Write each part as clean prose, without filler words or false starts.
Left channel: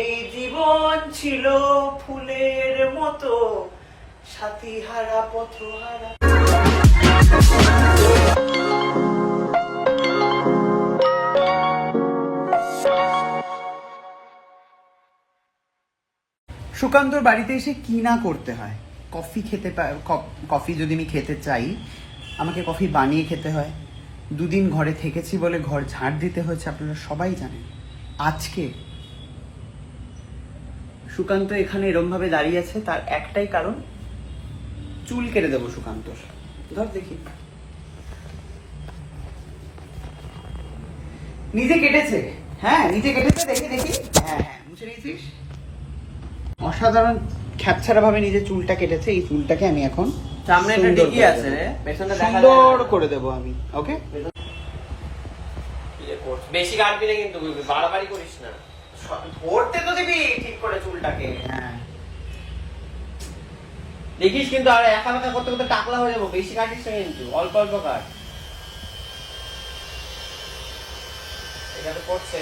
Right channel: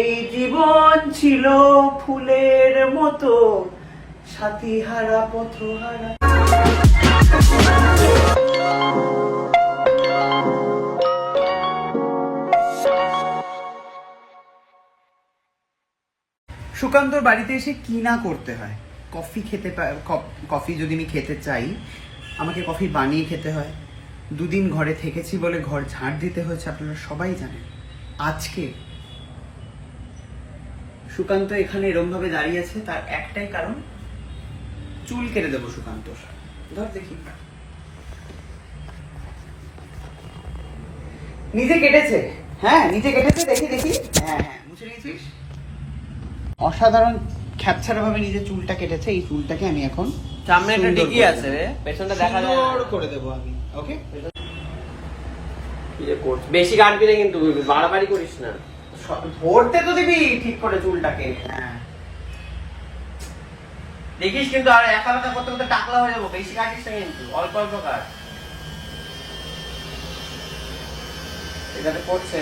এই জীবন ছিল ফুলের মতো, সাথী হারা পথহারা। সুকান্তর বাড়িতে এসে কি না করতে হয়। কফি খেতে কফি যদি আমি খেতে চাই, আমাকে কফি বানিয়ে খেতে হয়। দুদিন ঘরে থেকেছি বলে ঘর ঝাড় দিতে হয়েছে, আপনারা সবাই জানেন। আজকে সুকান্ত এখানে এরম ভাবে দাঁড়িয়ে আছে, তার একটাই কারণ, চুল কেটে দেবো সুকান্তর। ধর দেখি, নিজে কেটেছে। হ্যাঁ নিজে কেটেছে, দেখি দেখি। হ্যাঁ হ্যাঁ, মুছে নিয়েছিস। অসাধারণ খ্যাপছাড়া ভাবে নিজে চুলটা কেটেছে। এই চুলটাকে আমি এখন সামনে একটা ডিকি আছে রে, পেছনটা দেখা যায়, সুন্দর করে দেবো আমি। ওকে, বেশি কাটবি না কিন্তু, বাড়াবাড়ি করিস না। ধরতে তো দিবি ঠিক করে চুলটাকে। হ্যাঁ দেখিস কিন্তু, আর একা একা করতে করতে টাকলা হয়ে যাবো। বেশি কাটিস না কিন্তু, অল্প অল্প কাট। এখানে করছে।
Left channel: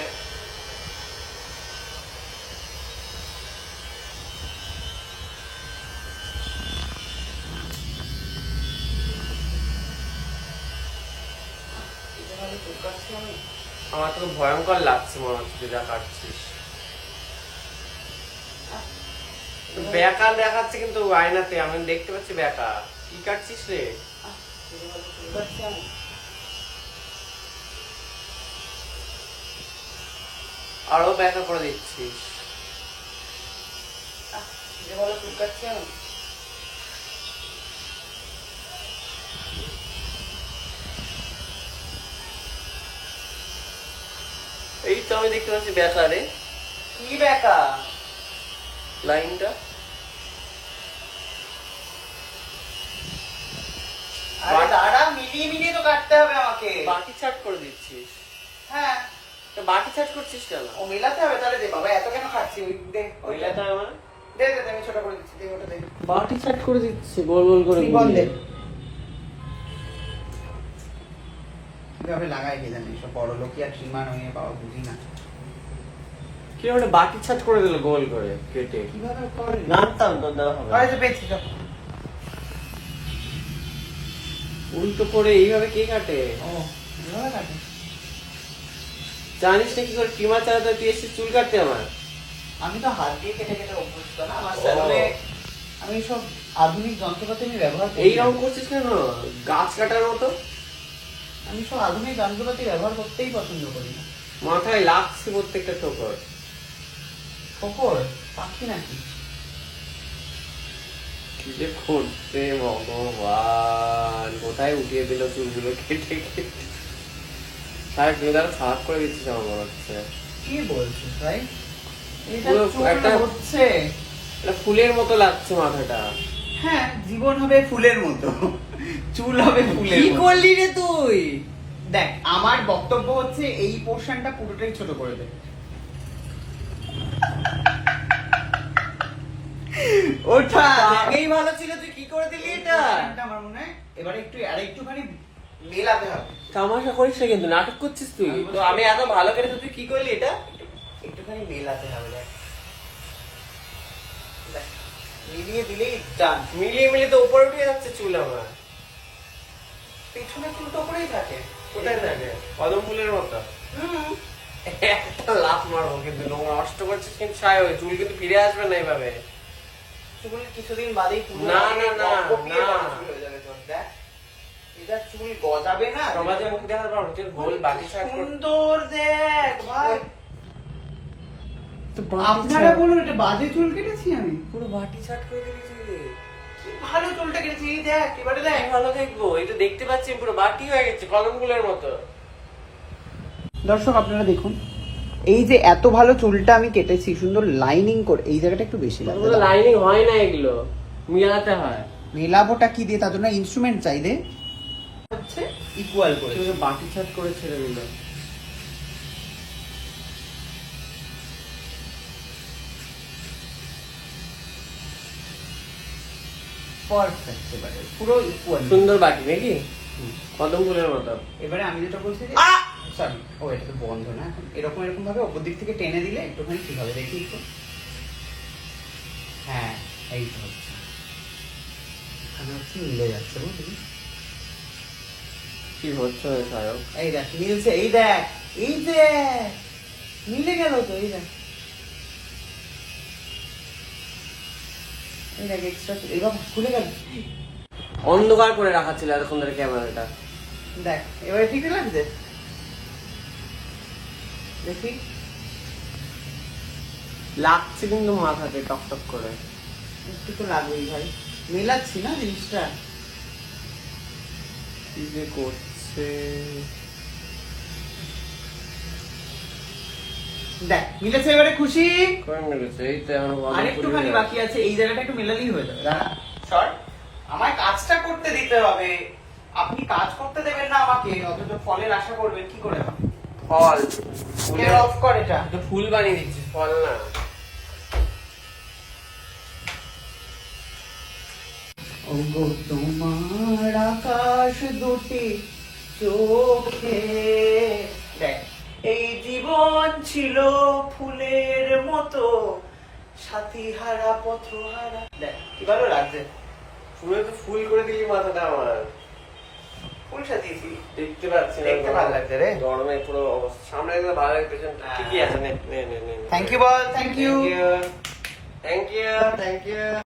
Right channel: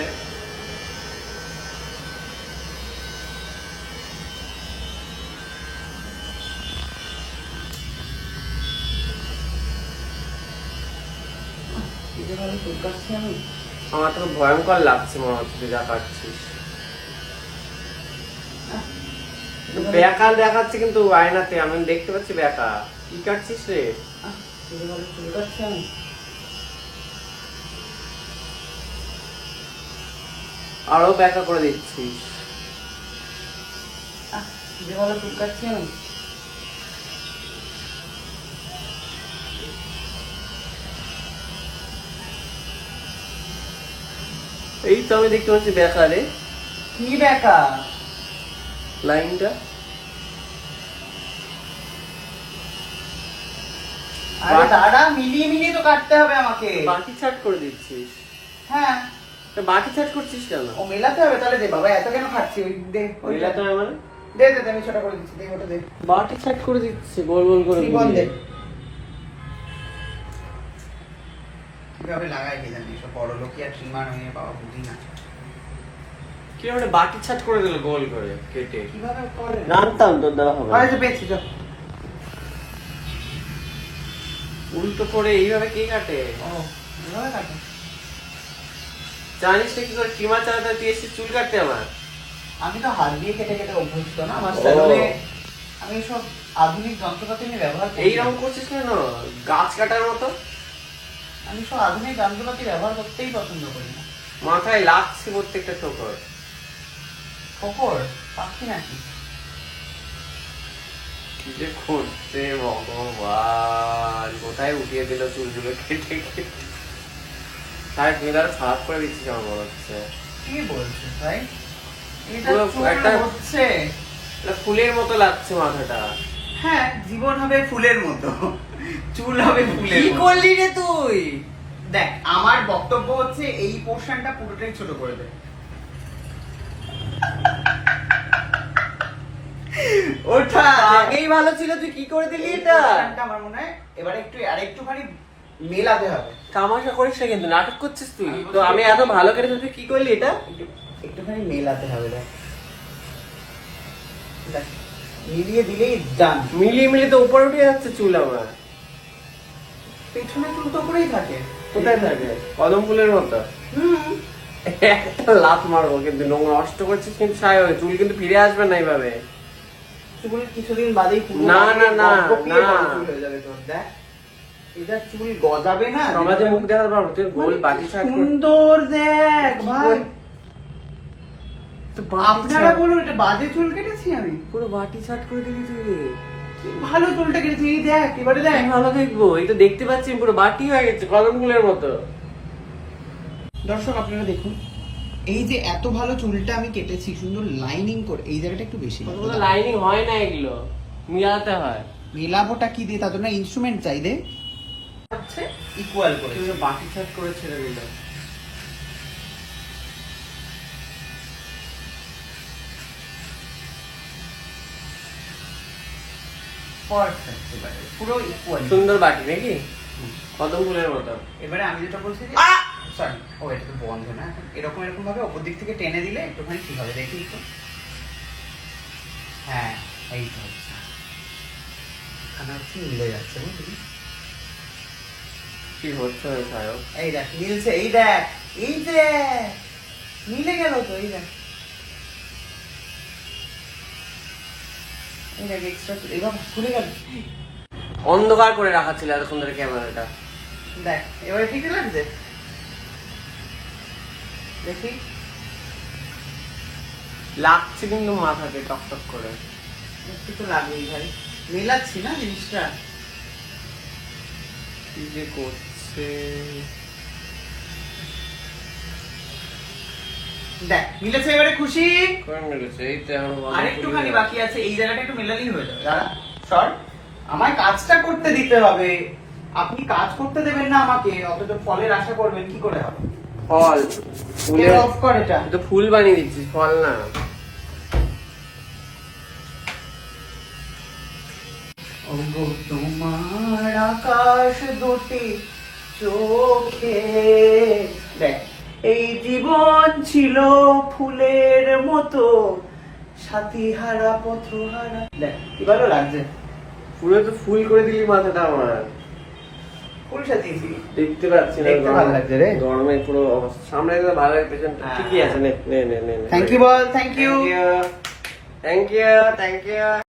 আমার তো ভয়ঙ্কর লাগছে মনে হচ্ছে যা পাচ্ছি। দেখাল দেখাচ্ছে কিন্তু আয়নাতে আমি দেখতে পাচ্ছি দেখা। কি কাটছিস রে? আরো দেখা করে দিচ্ছি। এই তো আমি দেখতে পাচ্ছি দেখা রে। কি দেখা? লাইনটা আরে দাদা, মিলিয়ে মিলিয়ে তো কাটতে হবে আমাকে। বাকি সেট করে দিচ্ছিস? হ্যাঁ, তো বাকি সেট করছিস কেন? ও মেলাতে হবে তাহলে। দে বাবা, এত কেন খাচ্ছি? দে মেলাতে হবে মানে? দে দে, আমি ছোট করে দিচ্ছি। দে ওটা দে। বাকি সেট করে দিচ্ছে গোল গোল করে। কি বল দে। কিভাবে লাগাই কে জানি, সব বড় লোক আর ট্রিমার হয়ে বাবা বুঝি না কি ওটা বাটি ছাট করে দিল গোল করে কেটে। কিভাবে করে। জানতাম তোর দ্বারা হবে। আরে তো পেয়েছি তো। উল্টো করে এইভাবে কে কাটে? ও এভাবে কাটে। জানিস না কি করে ট্রিমার চালাতে তুই এসে চুল কাটতে আমার? আমি তো হাত দিয়ে কেটে কেটে অভ্যস্ত না। আমার সেলুনে আমি সব আধুনিক যন্ত্রপাতি নিয়ে ব্যবহার করি। এইরকম করছিস কেন? গাছ কাটার মতো। আমি সব আধুনিক যন্ত্রপাতি ব্যবহার করতেই পছন্দ করি না। মাথায় লাগছে প্রত্যেকটা ঠোকর। খবর পাচ্ছি নাকি? কি যে করছে ভগবান, কোথায় উঠিয়ে দিল চুলগুলো কেটে কেটে। সারা গেলার সাফ করে দিচ্ছিস আমার মনে হচ্ছে। কি বলছিস ভাই? এটা পুরো চুল একটা হচ্ছে। এটা ফুলের মতো লাগছে মাথাটা। হ্যাঁ, জীবন হবে ফুলের মতো, চুল হবে ফুলের কি মতো। করলি রে তুই? দেখ, আমার বক্তব্য হচ্ছে এই পোর্শনটা পুরোটাই ছোট করে দে। ওটা আগেই ভালো ছিল, তুই কি করে দিলি এই এটা? পোর্শনটা আমার মনে হয় এবার একটু আর একটুখানি মেলাতে হবে। তামাশা করিস না কিন্তু, নাটক করছিস তুই। তো আমি এত ভালো ছিল, তুই কি করলি এটা? একটুখানি মেলাতে হবে। দেখ, মিলিয়ে দিলেই ডান। মিলিয়ে মিলিয়ে তো উপরে উঠে যাচ্ছে চুল আমার। পেছনে চুল তো পুরোই থাকে। কোথায় থাকবে? কলমগুলোর মতো। একটা লাফ মারবো কিন্তু, লোক নষ্ট করছিস কিন্তু সারা ঘরে। চুল কিন্তু ফিরে আসবে না এভাবে। চুল কিছুদিন বাদেই না, না, না, না। হয়ে যাবে তোর। দেখ, এটা চুল গজাবে না। সমাজে মুখ দেখা পাবো, তুই গোল বাটি ছাড়। সুন্দর দেখ ভাই। তো আপনারা বলুন, এটা বাজে চুল কেটেছি আমি? পুরো বাটি ছাড় করে দিয়েছি। ভালো চুলটা কেটেছি। এই দেখ, এবারে দেখ। ভালো দেখবো, এটা দেখতে পাচ্ছি পুরো বাটি হয়ে গেছে কলমগুলোর মতো। দর্শক আপনারা দেখুন, এই যে এত ভালো চুলটা আমি কেটেছি সুন্দর লাইনিং করে, এই জায়গাটা একটু বেশি লাগবে। লাইনিং হয় না, এগুলো মিলাতে হয়। মেলাবোটা কি দিয়ে? তাদের না ইনস্ট্রুমেন্ট চাই দে। হচ্ছে ইকুয়াল করে তুই বাটি ছাট করে ছেড়ে দিল। পারফেক্ট, এবারে পুরো ইকুয়াল। সুন্দর বাটি নাকি? কদম ফুলের মতো। এবারে আমি যেটা বলছি যে সরি, ও এটা তো বন্ধ না এখন। এরকম এরকম ভাবে ওপর দিক থেকে টেনে দিলে একটুখানি ঠিক হবে, দেখি তো। হ্যাঁ, এই তো হচ্ছে। এখানে হচ্ছে মিলে যাচ্ছে, বুঝলি? কি হচ্ছে সায়ক? এই দেখ মিলছে, এই দেখ, এই দেখ মিলে গেল তো, এই দেখ, এই দেখ এক্সট্রা এবার খুলে গেল। অন্ধকার করে রাখা ছিল এতক্ষণ ধরে ক্যামেরাটা। দেখ এবারে ঠিক লাগছে, দেখি। লাগছে কিন্তু মাথাতে টকটক করে। একটু তো লাগবেই ভাই, মেলাচ্ছি না জিনিসটা। কি যে করছে। দেখ মিলেছে, এবারে খুশি। করে নিয়েছে, এই তো এখন আর একটুখানি বাকি আছে, এই জায়গাটা একটু মেলালেই হয়ে যাবে। স্যার, আমার কাজটা করতে দিতে হবে, আপনি কাজ করতে দেবেন না আমাকে, অথচ ফলের আশা করবেন, কি করে হবে? ফল অফ কর এটা। তো ফুল বানিয়ে দিচ্ছিস, ফল না। ওগো তোমার আকাশ দুটি চোখে, দেখ এই জীবন ছিল ফুলের মতো, সাথী হারা পথহারা। দেখ কি ভালো লাগছে, ফুলে তো ফুল করে দিয়ে মাথাটা আমার ফুল সাজিয়েছি। দেখতে পাচ্ছি না। দেখতে ভালো লাগছে রে। গরমে পুরো সামনে থেকে ভালো লাগছে। ঠিকই আছে, নে নে নে নে। থ্যাংক ইউ বল, thank you. Thank you, thank you.